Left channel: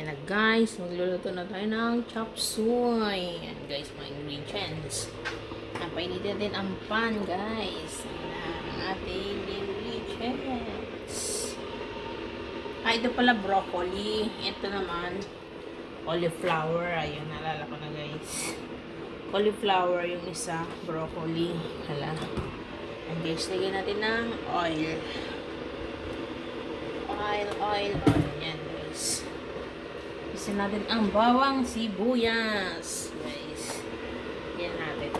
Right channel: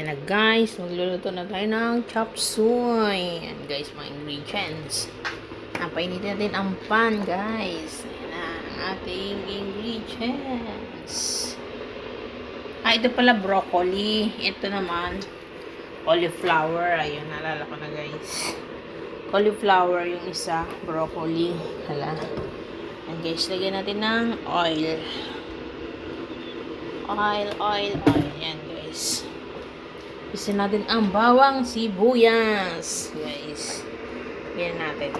Ayan na guys, magluluto na tayo ng chop suey. Ayan guys, mga ingredients. Napainit natin ang pan guys. Ayan na ang ating ingredients. Ito pala broccoli. Ito naman, cauliflower. Ayan, naalala ko na guys. Cauliflower yung isa, broccoli. Hala. Ayan guys, lagyan natin ng oil. Oil. Ayan guys. Isa natin ang bawang sibuyas. Guys. Yan natin.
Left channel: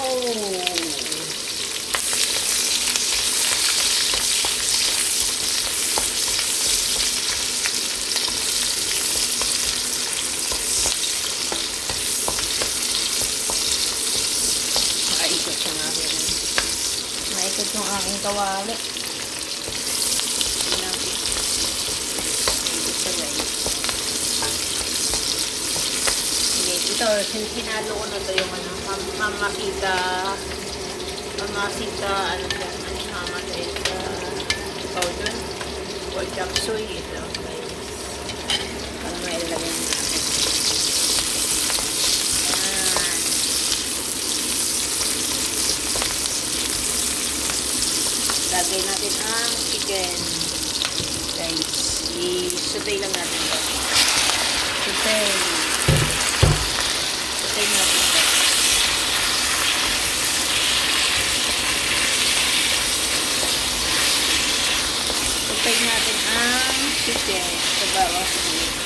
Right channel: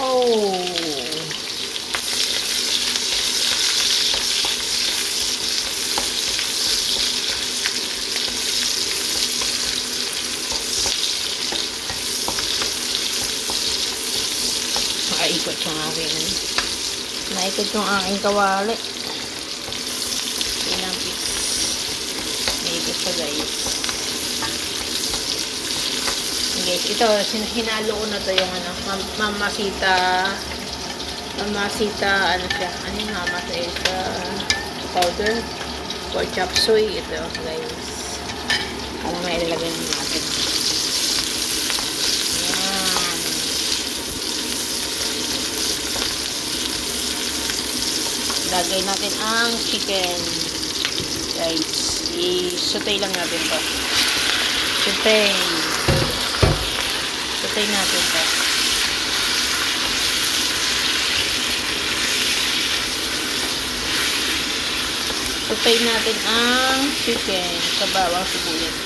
Oh. Naikot yung aking kawali. Guys. Guys, ito, hinalo ko na ito yung mamasita, ano siya, ano yung mamasita powder for chop suey. Ito, guys. Para may ilalagay natin. Ayan. Lagay natin ang chicken. Guys. I-sautay lang natin ito. Sautay natin ito. Sautay natin ang chicken sa bawang sibuyas.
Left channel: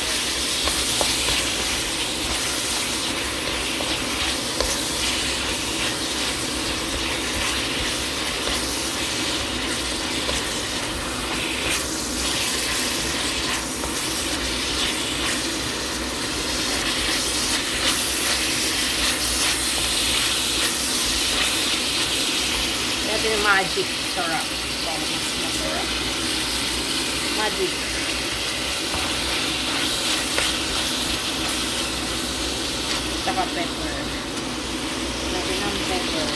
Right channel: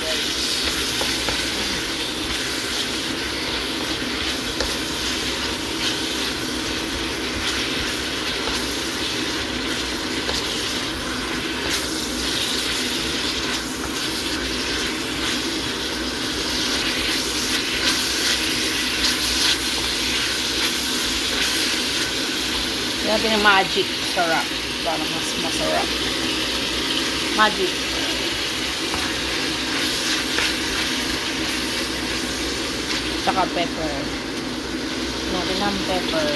Natin yung magic sarap para mas masarap. Magic. Saka pepper. Natin ang pepper.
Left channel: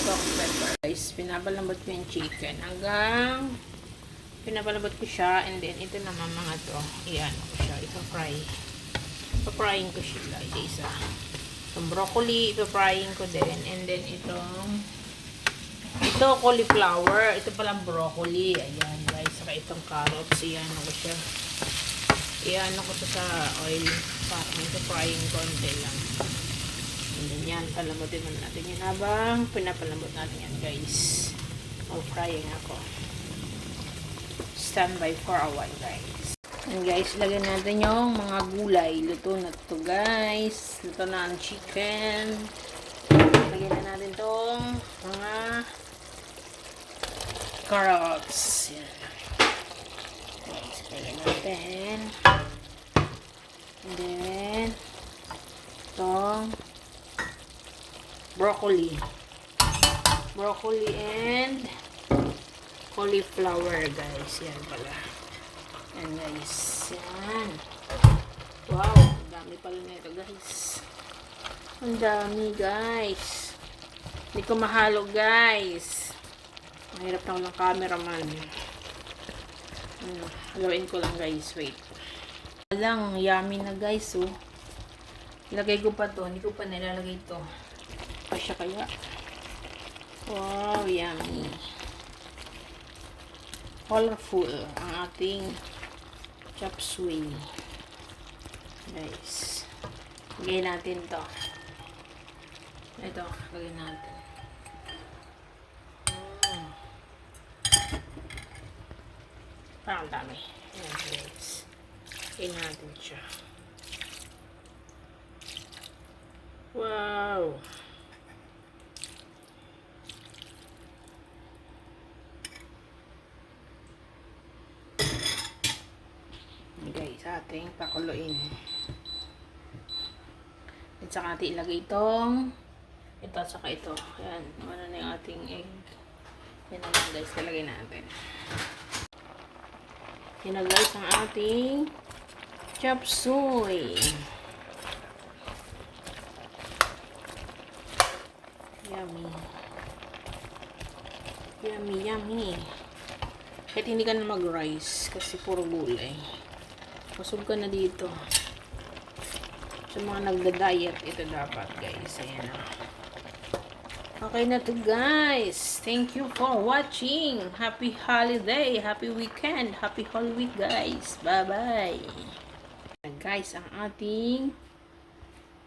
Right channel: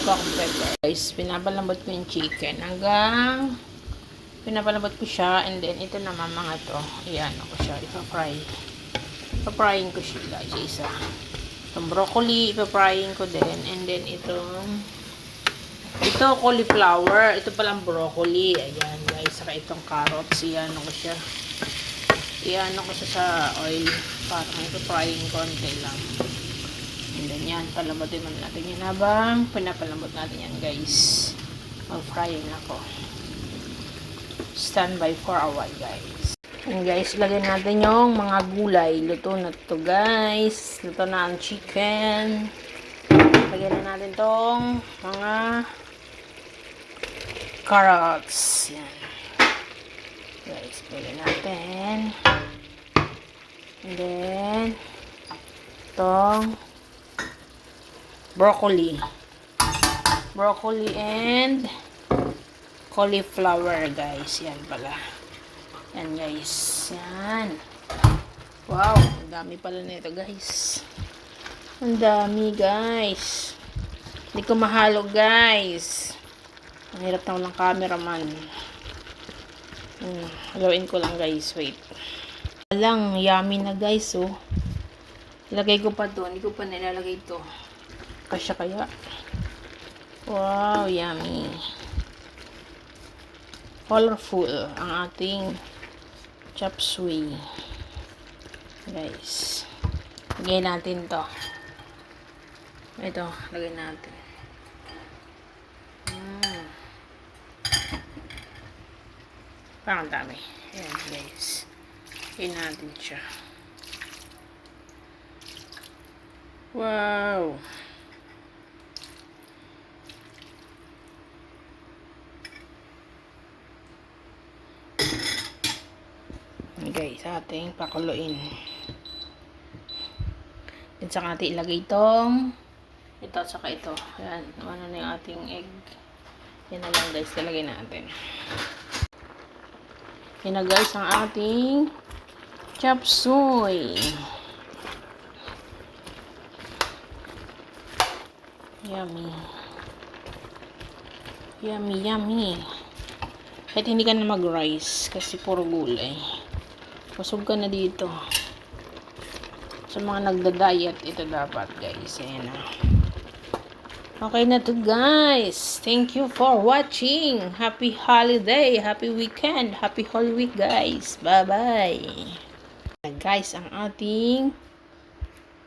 Cotton pepper. Guys, pinapalambot ko yung chicken hanggang pinapalambot ko siya, and then ito naman mga to. Iyan ko siya. Ipa-fry. Ipa-frying ko siya guys. Isa. Itong broccoli, ipa-frying ko din. And then, ito cauliflower. Ito palang broccoli. Ayan, guys. Saka itong carrots. Iyan ko siya. Iyan ko siya sa oil. Parang ipa-frying konti lang. And then, yan. Palambutin natin yan habang pinapalambot natin yan, guys. Mag-frying ako. Stand by for a while, guys. And guys, lagyan natin yung mga gulay. Luto na to guys. Luto na ang chicken. Lagyan na natin tong mga carrots. Yan. Guys, lagyan natin. And then, tong broccoli. Broccoli and cauliflower guys. Yan pala. Yan guys. Yan. Wow. Ang dami pala nito guys. Ang dami guys. Hindi ko mahalo guys. Ang hirap na walang cameraman. Gawin ko lang guys. Wait. Walang yummy na guys oh. Ilagay ko pa to. Hindi ko pa nilalagay to. Kasya kaya. Wow. Yummy. Colorful ang ating chop suey. Guys. Lagay natin to. Ito. Lagay natin. Parang dami. Ayan guys. Lagay natin siya. Wow. Guys, ating pakuluin. Then saka natin ilagay itong ito, saka ito. Ayan, ano na yung ating egg. Yan na lang guys, talagay natin. Yan na guys, ang ating chop suey. Yummy. Yummy, yummy. Kahit hindi ka na mag-rice kasi puro gulay. Busog ka na dito. Sa mga nagda-diet, ito dapat guys. Ayan o. Okay na to guys. Thank you for watching. Happy holiday. Happy weekend. Happy Holy Week guys. Bye-bye. Guys, ang ating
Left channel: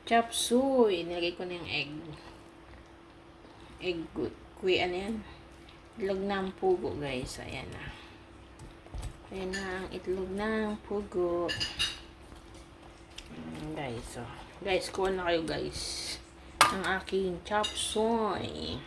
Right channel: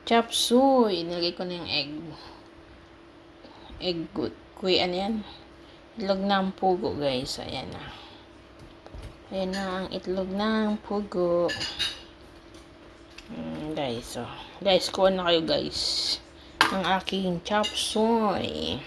chop suey. Nilagay ko na yung egg. Egg good. Ano yan? Itlog ng pugo guys. Ayan na. Ayan na ang itlog ng pugo. Guys, oh. Guys, kuha na kayo guys. Ang aking chop suey.